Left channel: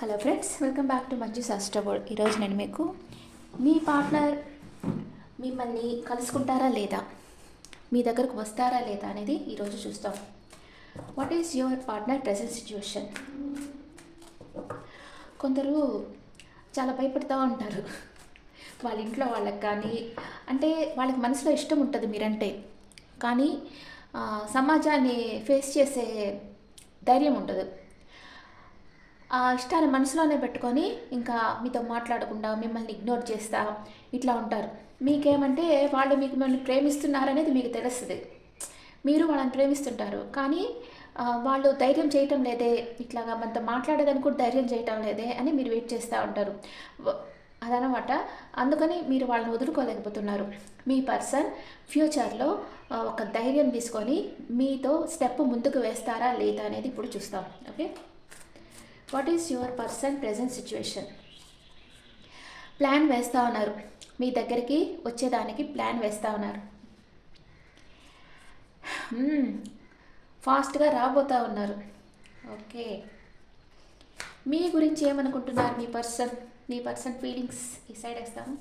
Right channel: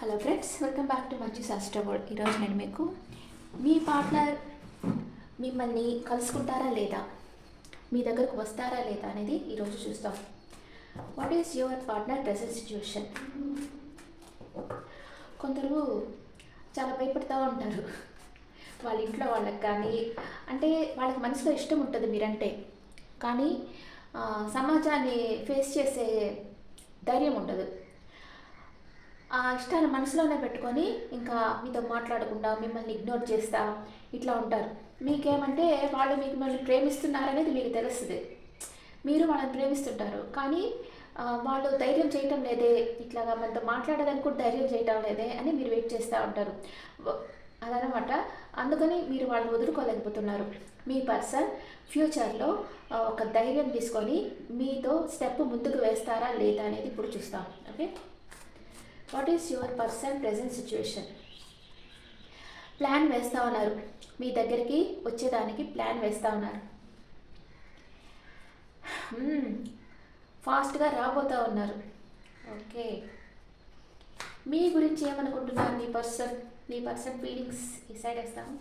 Hello friends, welcome back to Manju శాస్త్రబోర్డ్. ఈరోజు నేను మీకు మీ పార్ట్నర్ మిమ్మల్ని కలుసుకుంటారా లేదా, మీ దగ్గరకు వస్తారా లేదా అనేది ఈరోజు చూస్తాం. What is your partner present situation? కొందరు చాలా భయపడుతూ ఉంటారు వాళ్ళ ఇంట్లో వాళ్ళకి, కానీ అంటే వాళ్ళకి మనసులో ఇష్టం ఉంటుంది మీరంటే, కానీ సమాజాన్ని ఫేస్ చేసే ధైర్యం ఉండదు. ఆ ఇష్టాన్ని మనసులోనే పెట్టుకొని ఇంకా మీతో మాట్లాడకుండా మిమ్మల్ని ఇగ్నోర్ చేస్తా ఇట్లా ఉంటారు. మీకేమంటే వాళ్ళు మిమ్మల్ని ప్రేమిస్తున్నారనేది మీకు తెలుస్తుంది, మీరు వాళ్ళని ప్రేమిస్తుంటారు, కానీ వాళ్ళు ధైర్యం చేయటం లేదే, ఇట్లాగా మనతో మాట్లాడేదానికి కూడా ధైర్యం చేయటం లేదే అని మీరు వెయిట్ చేస్తూ ఉంటారు. అదనమాట. అందుకని మీరు వాళ్ళని వదులుకోలేకపోతున్నారు. మీ పర్సన్ ఫ్యూచర్లో ఒక ధైర్యం తీసుకొని మీతో స్టెప్ ముందుకు వేస్తారా లేదా అనేది ఇప్పుడు చూస్తాం. Okay, what is your person present situation? Plan వేస్తూ ఉన్నారు, మీ దగ్గరికి వచ్చేదానికి ప్లాన్ వేస్తూ ఉన్నారు. ఫాస్ట్గా రాబోతూ ఉన్నారు. ఓకే, మీ గురించి ఏమనుకుంటున్నారు మీ పర్సన్ ఫీలింగ్స్ ఈ సైడ్ వేస్తాము.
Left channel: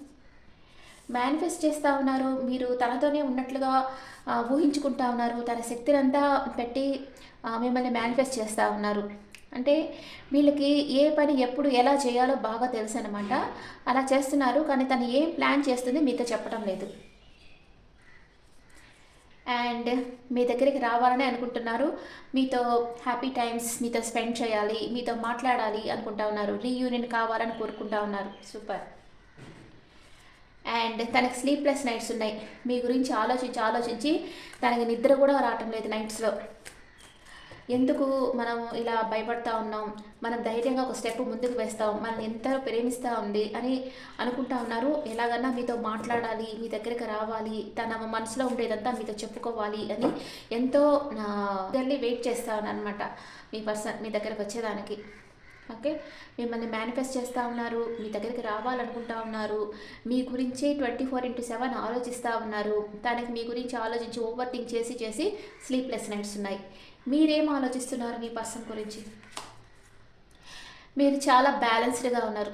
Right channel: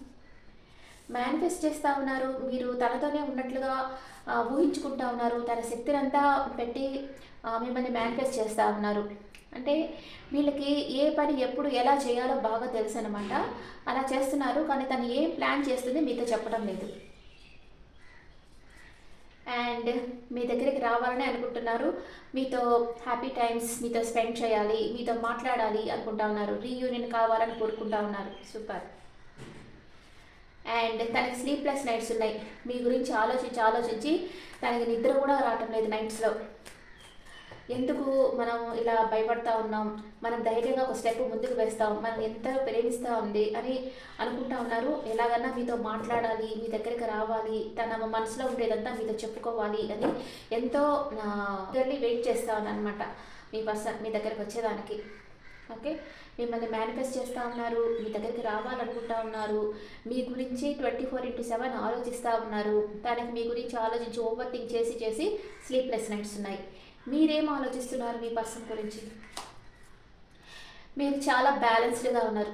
మేనిఫెస్ట్ చేస్తూ ఉన్నారు, మీరు తనతోనే ఉన్నట్లుగా ఊహించుకుంటూ ఉన్నారు, తన శక్తిని అంతా పెట్టి మిమ్మల్ని మేనిఫెస్ట్ చేస్తూ ఉన్నారు. అంటే వీళ్ళకి ఏ పని ఎప్పుడు ఎలా చేయాలో బాగా తెలుసు అనమాట. అలా చేస్తున్నారు, కానీ తను ఏం ప్లాన్ చేస్తుంది మీతో చెప్పడం లేదు. అండ్ మీ దగ్గరికి రావాలని అనుకుంటున్నారు, మీతో హ్యాపీ టైమ్స్ మీతో స్పెండ్ చేయాలి, మీతో మాట్లాడాలి అనుకుంటా ఉన్నారు, రీయూనియన్ కావాలని కోరుకుంటా ఉన్నారు. సూపర్. అండ్ తనకి స్లీప్లెస్ నైట్స్ ఉన్నాయి, మీ గురించి ఆలోచించి తనకి నిద్ర కూడా రావటం లేదు నైట్స్లో. ఎందుకు మనం ఇలా భయపడతా ఉన్నాం, మనం ధైర్యంగా ఒక స్టెప్ ముందుకు వేస్తాం, మనం ఎంత ప్రేమిస్తూ ఉంది అని అనుకుంటా ఉన్నారు. ఎలాగన్నా మీతో మాట్లాడాలి, మీ దగ్గరికి రావాలి, తన మనసులో ఉండేదంతా మీతో చెప్పుకోవాలి అని ఎంతో వెయిట్ చేస్తా అనమాట మీ పర్సన్ మీ దగ్గరికి వచ్చేదానికి. ఓకే, మిమ్మల్ని మేనిఫెస్ట్ చేస్తూ ఉన్నారు, మీ దగ్గరికి రావాలనుకుంటా ఉన్నారు, మీ గురించి 24/7 ఆలోచిస్తూ ఉన్నారు. తనకి మీ గురించి ఆలోచించి ఓవర్ థింక్ చేసి స్లీప్లెస్ నైట్స్ ఉన్నాయి. మీరేం ఆలోచిస్తున్నారు మీ పర్సన్ గురించి? మీరు చాలా బ్యాలెన్స్డ్గా ఉన్నారు,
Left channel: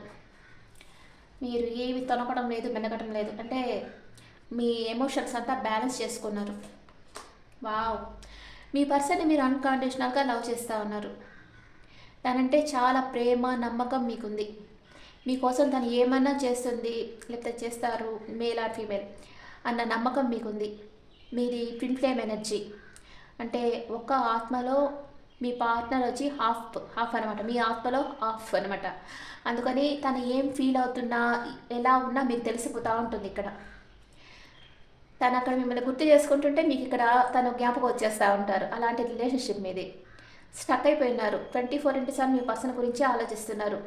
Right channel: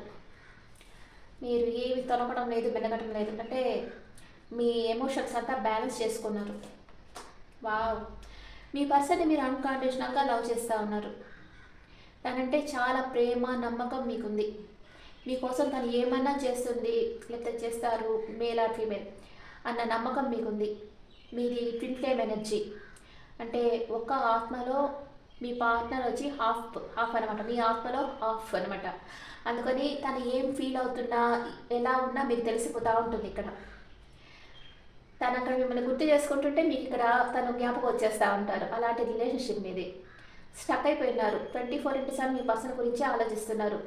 మీరు ఏమి తొనకడం లేదు, మెనగడం లేదు, అంటే మీ ఎమోషన్స్ అంతా బ్యాలెన్స్ చేసుకున్నారు. వావ్, మీ పర్సన్ని మీరు అన్కండిషనల్గా లవ్ చేస్తూ ఉన్నారు. తనంటే చాలా ప్రేమ నమ్మకం మీకుంది. మీకోసం తను ఏమన్నా చేస్తుంది, లేకపోతే చేస్తారు, మేల్ ఆర్ ఫీమేల్ అన్న నమ్మకం మీకుంది. మీది ట్విన్ ఫ్లేమ్ ఎనర్జీ, అంటే ఒక ఆత్మలో మీ పార్ట్నర్ వచ్చి హాఫ్ అనమాట, మీ ఆత్మలో హాఫ్ అనమాట. అందుకని తను ఏం ఫీల్ అవుతున్నా ఎలా ఉన్నా మీకు తెలిసిపోతూ ఉంటుంది. ఇక్కడ తను అక్కడ మిమ్మల్ని గుర్తు చేసుకుంటుంటే మీకు ఇక్కడ తను జ్ఞాపకం వచ్చేస్తూ ఉంటారు. అలాంటి రిలేషన్షిప్ మీది. స్టక్ అయిపోయినారు, 24/7 మీ పర్సన్ గురించి ఆలోచిస్తున్నారు.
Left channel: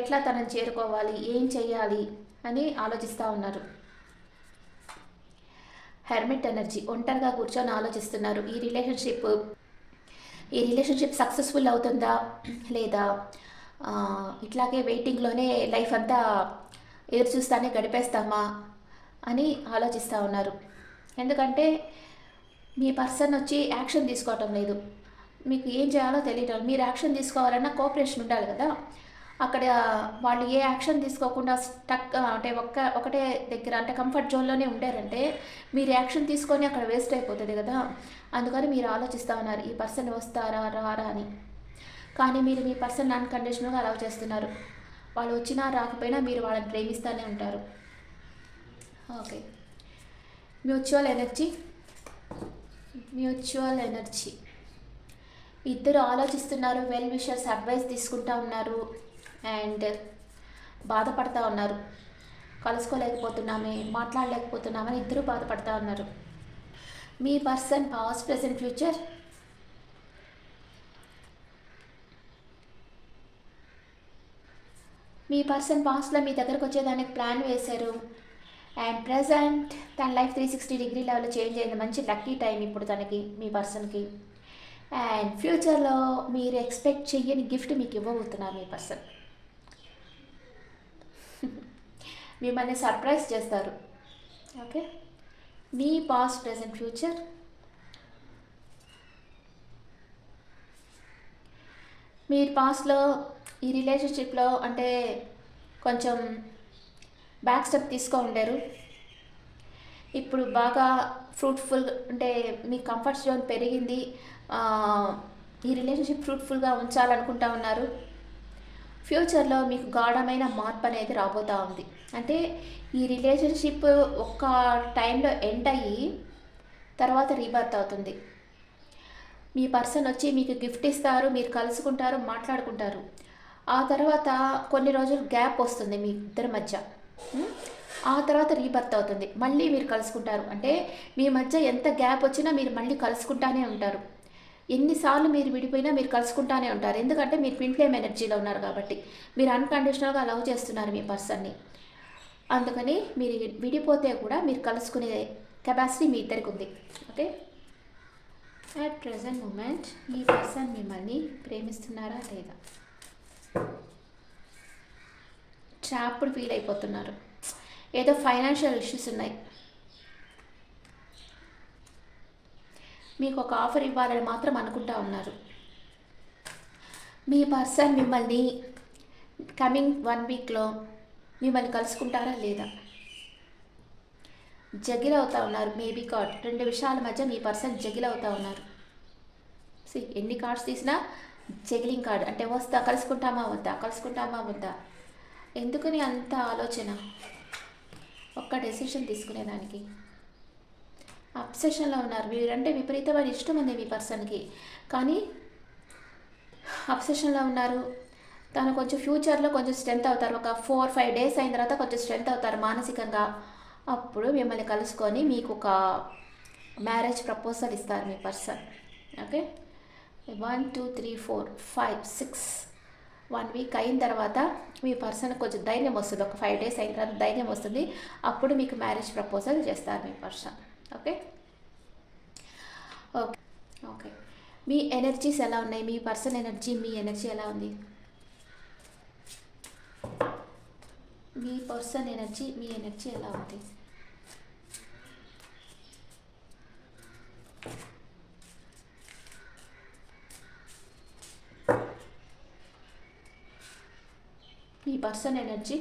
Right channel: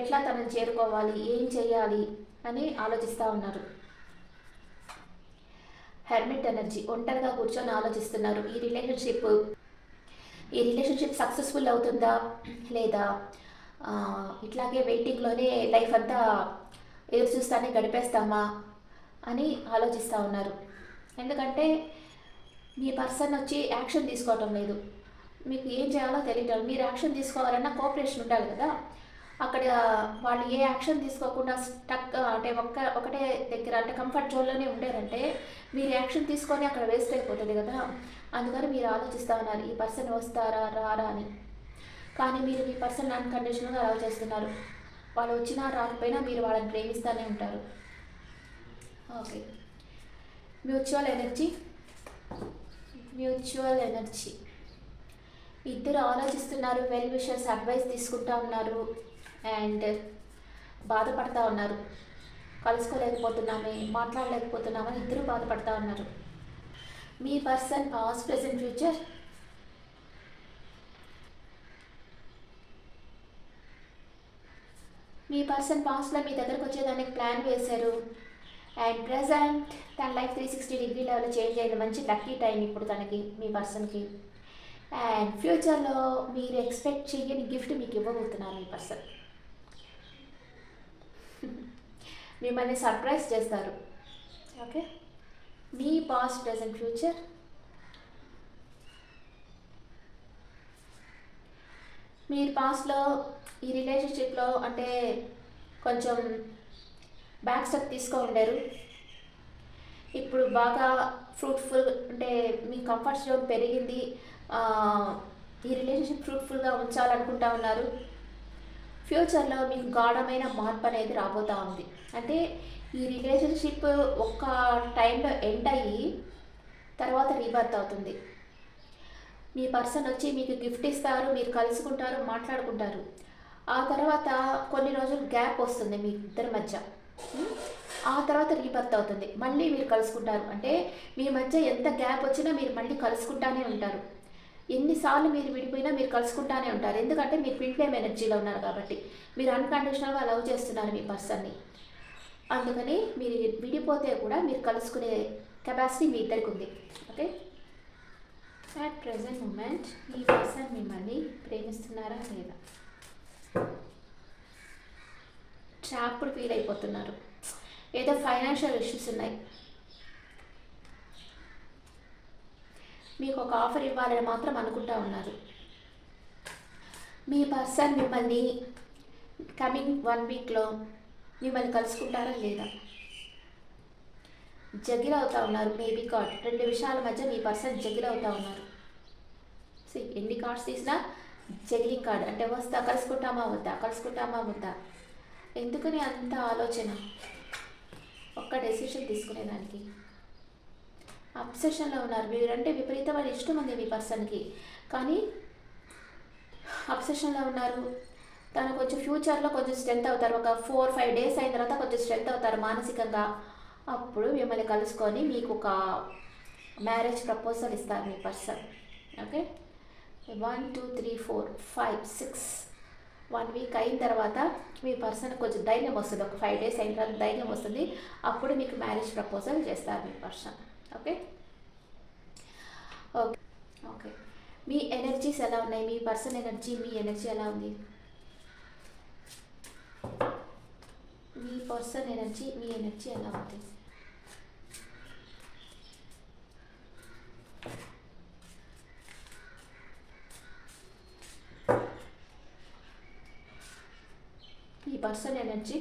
ఎట్లా తనని చేరుకోవాలి, ఏం చేయాలి అని ఆలోచిస్తూ ఉన్నారు. హెర్మిట్ ఎనర్జీ, ఒంటరిగా కూర్చొని ఆలోచిస్తున్నారు. ఈ రిలేషన్షిప్ సక్సెస్ఫుల్ అవుతుందా లేదా, ఇట్లాగే వెయిటింగ్లోనే లైఫ్ అంతా ఎదురు చూస్తానే గడిపేస్తామా అని ఆలోచిస్తూ ఉన్నారు. ఎందుకంటే మీ పర్సన్ వచ్చి యాక్షన్ తీసుకోవటం లేదు, మీకు ఏం చేయాలో తెలియటం. మీరు యాక్షన్ తీసుకోవాలన్నా కోఆపరేషన్ ఉండాలి కదా. అక్కడ వాళ్ళు ఏ యాక్షన్ తీసుకోకుండా స్టక్ అంటే ఒకటే దగ్గర అంటే కంఫర్ట్ జోన్లోనే ఉండారంటే మీరు యాక్షన్ తీసుకొని అక్కడ వేస్ట్ అయిపోతుంది కదా. అందుకని మీరు ఆలోచిస్తూ ఉన్నారు, ఈ పర్సన్ వస్తారా రారా అని. కానీ మీరు మీ పర్సన్ అన్కండిషనల్గా లవ్ చేస్తున్నారు. వాళ్ళు వచ్చినా రాకపోయినా మీరు వాళ్ళని ప్రేమిస్తూనే ఉంటారు. ఓకే, మ్యూచువల్ ఎనర్జీ ఇద్దరు ఆలోచిస్తున్నారు, వెల్ విషర్స్ అడ్వైస్ తీసుకుంటా ఉన్నారు అండ్ బాధపడతా ఉన్నారు. కలుసుకోలేకపోతున్నామే, మాట్లాడలేకపోతున్నామని ఇద్దరు బాధపడతా ఉన్నారు. మీ పర్సన్ పాస్ట్ ప్రెజెంట్ ఫ్యూచర్. మీ పర్సన్ పాస్ట్లో మీ దగ్గరకు వచ్చేదానికి ప్లాన్ వేశారు అండ్ ప్రజెంట్ తన లైఫ్ 360 డిగ్రీ లెవెల్లో చేంజ్ అయింది. మంచి లక్కీ టైం ఇప్పుడు తనకి, మీ పర్సన్కి. అండ్ ఫ్యూచర్లో మీరు ఎక్స్పెక్ట్ చెయ్యని గిఫ్ట్ మీకు ఇవ్వబోతున్నారు మీ పర్సన్. మిమ్మల్ని సర్ప్రైజ్ చేస్తారు. ఓకే, మీ పాస్ట్ ప్రెజెంట్ ఫ్యూచర్. మీరు పాస్ట్లో ఈ రిలేషన్షిప్లో అంటే కొంచెం బ్యాక్ స్టెప్ తీసుకో ఉండారు. ఇప్పుడు బాగా ఫ్రూట్ఫుల్ అంటే మీ కంఫర్ట్ జోన్ పెరిగింది. ఈ రిలేషన్షిప్ ఫ్రూట్ఫుల్గా ఉంచాలనుకుంటా ఉన్నారు. ఫ్యూచర్లో మీకు గాఢమైన మార్పు అనేది రాబోతూ ఉంది. అంటే ఈ రిలేషన్షిప్ ఒక టైంలో ఎండ్ అయ్యి తర్వాత రీబర్త్ అవుతుంది. మీ పర్సన్ వచ్చి మీకు గిఫ్ట్ ఇస్తారు, మీరు కలుసుకుంటారు, మాట్లాడుకుంటారు. ఆ తర్వాత కొన్ని రోజులు గ్యాప్ వస్తుంది మీ ఇద్దరి మధ్య. ఆ తర్వాత రీబర్త్ అవుతుంది, మళ్ళీ మీరు కలుసుకుంటారు. అంటే మీ మధ్య ఎంత గ్యాప్ వచ్చినా మీరు మళ్ళీ కలుసుకుంటానే ఉంటారు. ఎన్నిసార్లు మీరు విడిపోయినా మీరు కలుసుకుంటానే ఉంటారు. ఎందుకంటే మీరు ట్విన్ ఫ్లేమ్ ఎనర్జీలో ఉన్నారు కాబట్టి. మీరు అన్కండిషనల్గా లవ్ చేస్తున్నారు మీ పర్సన్ని. అందుకని మీరు విడిపోతే కూడా మీరు కలుసుకునే కెపాసిటీ మీ ఇద్దరికి ఉంది. ఓకే, అట్ ప్రెజెంట్ మూమెంట్ మీ పర్సన్ మిమ్మల్ని ప్రేమిస్తున్నారా లేదా? ట్రాప్డ్ ఫీల్ అయిపోతున్నారు. ఏదో ఫైనాన్షియల్ ఇష్యూస్ ఉన్నాయి. మీకు ఒక ఆఫర్ ఇవ్వాలని మాత్రం అనుకుంటా ఉన్నారు. మీ పర్సన్ మిమ్మల్ని కమింగ్ 1 వీక్లో మిమ్మల్ని కలుసుకుంటారా లేదా? జగిల్ అవుతా ఉన్నారు. మేబీ కార్డ్ 2 విషయాల మధ్య మీ పర్సన్ జగిల్ అవుతా ఉన్నారు. ఎన్ని కార్డ్స్ తీసినా జగిలింగ్ కార్డ్ అంటే వస్తా, కలుసుకుంటామా వద్దా, కలుసుకుంటామా వద్దా. ఎందుకని అంత ఆలోచన? ఒక్క డెసిషన్ తీసుకునేదానికి అబ్సెషన్లో ఉన్నారు. మీరంటే విపరీతమైన ఇష్టం ఉంది మీ పర్సన్కి, కానీ అబ్సెషన్లో ఉన్నారు. తను కొంచెం ఫ్యూచర్లో కొంచెం స్ట్రెంత్ అవుతారు. ఒక 4-5 డేస్ అయిన తర్వాత కొంచెం స్ట్రెంత్ అవుతారు మానసికంగా. అప్పుడు మిమ్మల్ని కలుసుకొని మీకు ఒక మ్యారేజ్ ప్రపోజల్ ఇస్తారు మీ పర్సన్. ఓకే, 1 2 3 4 5 6 1 వీక్ అయిన తర్వాత మీ పర్సన్ కొంచెం ధైర్యం వస్తుంది. ఒక 5 డేస్ అయిన తర్వాత ధైర్యం వస్తుంది. అప్పుడు మీకు మ్యారేజ్ ప్రపోజల్ చేస్తారు మీ పర్సన్. ఓకే ఓకే ఓకే, మీ ఎనర్జీస్ ఎలా ఉన్నాయి? మీ పర్సన్ ఎనర్జీ, మీ ఎనర్జీ ఎలా ఉంది? మీ పర్సన్ ఎనర్జీ, మీ ఎనర్జీ ఎలా ఉంది? మీ పర్సన్ ఎనర్జీ,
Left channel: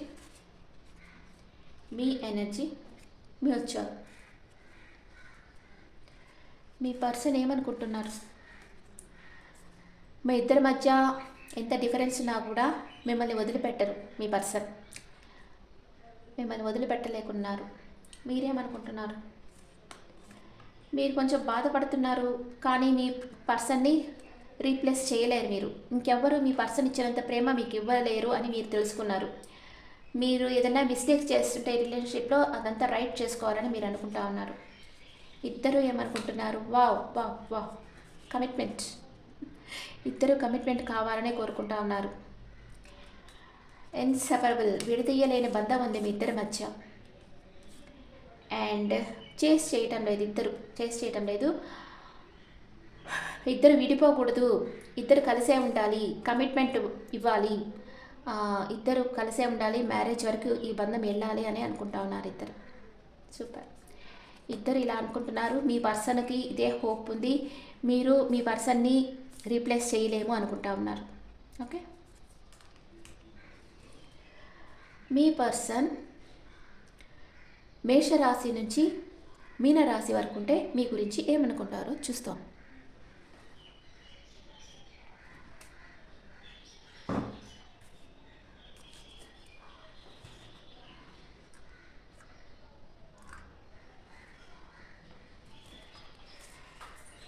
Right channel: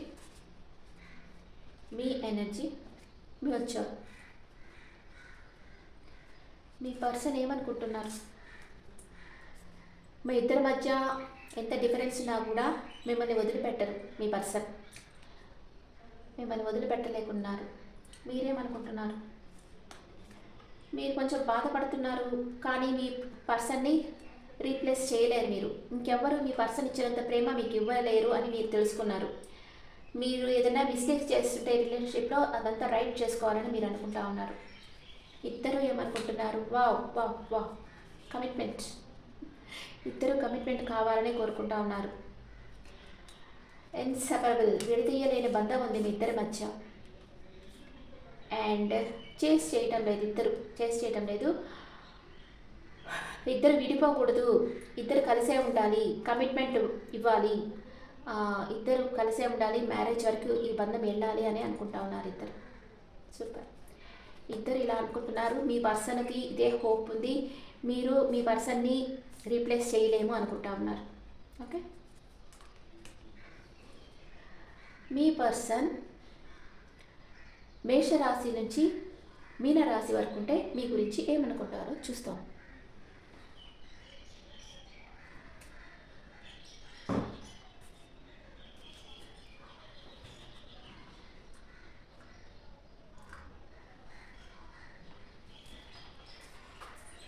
మీ ఎనర్జీ మ్యూచువల్. మీ పర్సన్ ఏమనుకుంటున్నారు? మీ ఇద్దరి మధ్య ఎంత డిఫరెన్స్ ఉన్నా కూడా మిమ్మల్ని వదిలిపెట్టరు. మీ పర్సన్ మిమ్మల్ని వదిలిపెట్టలేకున్నారు. మీరేమనుకుంటున్నారు? మీరు కొంచెం బాధపడుతున్నారు, కానీ మీ పర్సన్ని రీప్లేస్ చేయలేరు. మీరు ఇంకెవ్వరు మీ పర్సన్ ఇచ్చినంత ప్రేమ మీకు ఇవ్వలేరు అని మీరు తెలుసుకున్నారు. మీరు ఏదైనా మిస్టేక్స్ చేస్తుంటే రిలేషన్షిప్లో అదంతా రైట్ చేసుకోవాలని మీరు అనుకుంటా ఉన్నారు. ఇద్దరు ఏమనుకుంటున్నారు? Wow wow wow, commitment. ఇద్దరు కమిట్మెంట్ కావాలని కోరుకుంటా ఉన్నారు. ఇన్సెపరబుల్, విడదీయలేని బంధం ఉంది మీ ఇద్దరి మధ్య. అండ్ చేస్ చేయటం లేదు, ఇద్దరు చేస్ చేయటం లేదు. ఇద్దరు విడిపోకూడదు, ఇద్దరు కలిసే ఉండాలి, కమిట్మెంట్ ఇవ్వాలి, ఇద్దరు కలిసే ఉండాలి, మ్యారేజ్ వరకు ఈ బంధం వెళ్ళాలి అని అనుకుంటా ఉన్నారు ఇద్దరు. సూపర్, ఇద్దరు ఇలా అనుకుంటున్నారు. మీ పర్సన్కి ఇదే హోప్ ఉంది. మీరు మీ పర్సన్ని రీప్లేస్ చేయలేము అనుకుంటా ఉన్నారు. ఓకే, మీ పర్సన్ మేషరాశి నుంచి మీనరాశి వరకు ఉంటే మీ గురించి ఏమనుకుంటారో చూస్తాం.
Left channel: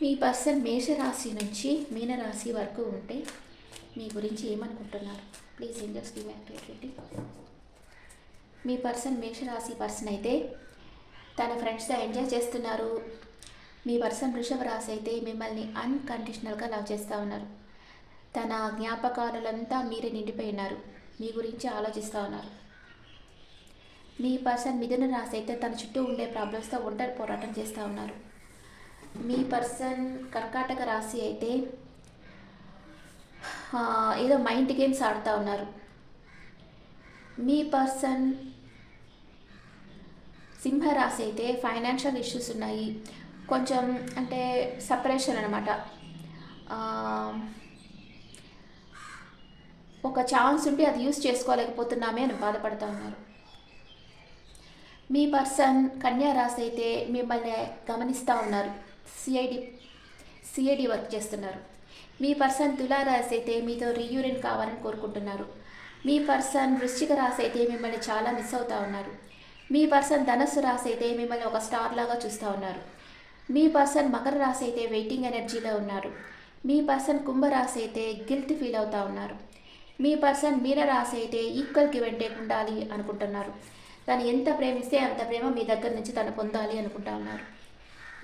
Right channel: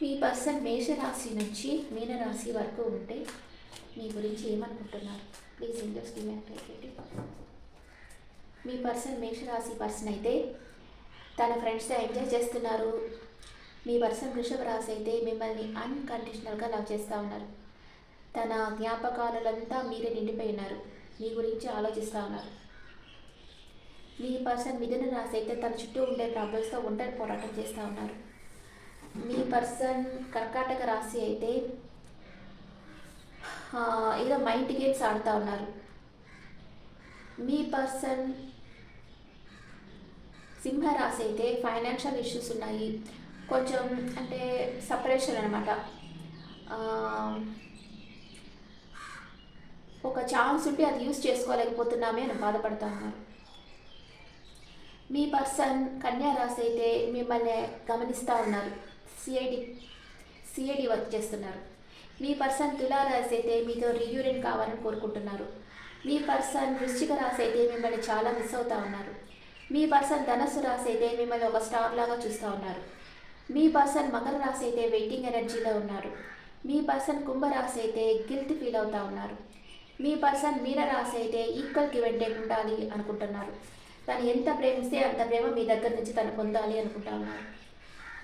మీ పర్సన్ మేషరాశి నుంచి మీనరాశి వరకు ఉంటే మీ గురించి ఏమనుకుంటున్నారు? Please in just give me clarity. మీ పర్సన్ మేషరాశి పర్సన్ అయితే తన ఫ్రెండ్స్తో ఎంజాయ్ చేస్తున్నారు. మీ పర్సన్ వృషభ రాశి అయితే మిమ్మల్ని అన్కండిషనల్గా లవ్ చేస్తూ ఉన్నారు. తన జ్ఞాపకాలంతా మీరే నిండిపోయినారు, మీ గురించి ఆలోచిస్తూ ఉన్నారు. మీ పర్సన్ మిథున రాశి అయితే తన చుట్టూ ఉండే ప్రాబ్లమ్స్తో ఒంటరి పోరాటం చేస్తూ ఉన్నారు. మీ పర్సన్ కర్కాటక రాశి అయితే ఏదో మైండ్ గేమ్స్ ఆడుతూ ఉన్నారు. మీ పర్సన్ సింహరాశి అయితే ఫైనాన్షియల్ ఇష్యూస్ ఉన్నాయి, కొంచెం అంటే సపరేషన్ అనమాట. ఛాన్స్ ఉంటే అది యూస్ చేసుకోలేకపోతున్నామే అని బాధపడతా ఉన్నారు. మీ పర్సన్ కన్యా రాశి అయితే మిమ్మల్ని గమనిస్తూ ఉన్నారు, సిఐడి వర్క్ చేస్తున్నారు. మీ పర్సన్ తులా రాశి అయితే మీతో రీయూనియన్ కావాలని కోరుకుంటున్నారు. మీ పర్సన్ వృశ్చిక రాశి అయితే మిమ్మల్ని చాలా మిస్ అవుతూ ఉన్నారు. మీ పర్సన్ ధనస్సు రాశి అయితే మిమ్మల్ని ఒక స్టార్ లాగా చూస్తూ ఉన్నారు. మీ పర్సన్ మకర రాశి అయితే వెయిటింగ్ ఎనర్జీలో ఉన్నారు. మీ పర్సన్ కుంభరాశి అయితే గిల్ట్ ఫీల్ అవుతూ ఉన్నారు. మీ పర్సన్ మీన రాశి అయితే ఈక్వల్కి వెంటే ఉండాలి అనుకుంటున్నారు. తను ఎంత ప్రేమిస్తే అంత ప్రేమ మీ దగ్గర నుంచి తను పొందాలి అనుకుంటా ఉన్నారు.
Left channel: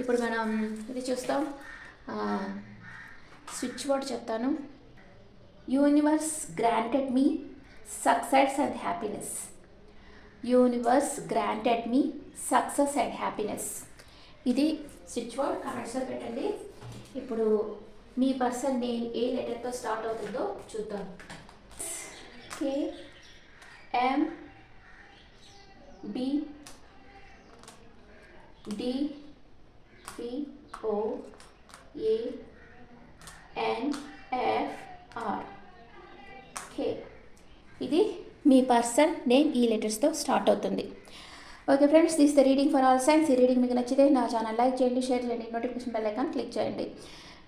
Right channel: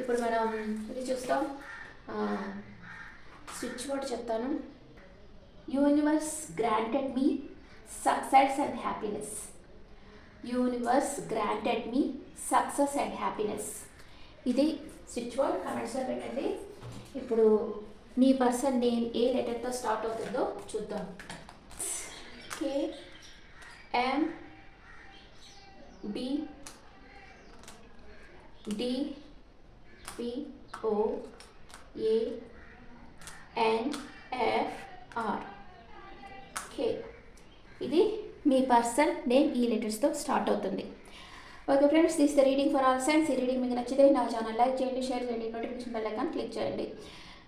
ఇప్పుడు మనం ఇది చూస్తాం. స్విచ్ వర్డ్ చెప్తాను. Universe granted me success and happiness. Universe granted me success and happiness. ఇది స్విచ్ వర్డ్, కామెంట్స్లో పెట్టండి. ఇప్పుడు మీ పర్సన్ నేమ్ ఏ లెటర్తో స్టార్ట్ అవుతుందో చూద్దాం. KM BDPOAR K. ఇది మీ పర్సన్ నేమ్ ఈ లెటర్స్తో స్టార్ట్ అవుతుంది. Okay friends, this the reading for all science. ఈ రీడింగ్ మీకు నచ్చితే నా ఛానల్ లైక్ చేయండి, షేర్ చేయండి, నోటిఫికేషన్ బెల్ ఐకాన్ క్లిక్ చేయండి.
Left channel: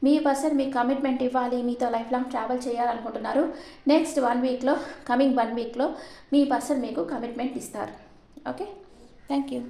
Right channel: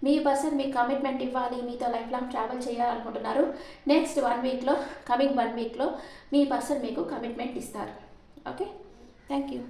మీ పర్సన్ మీకు కమిట్మెంట్ ఇవ్వాలి, మీతో లైఫ్ లాంగ్ ట్రావెల్ చేయాలనుకుంటున్నారు. నెక్స్ట్ 1 వీక్లో, కమింగ్ 1 వీక్లో మీ పర్సన్ మీకు కమిట్మెంట్ ఇస్తారు. Okay, thank you.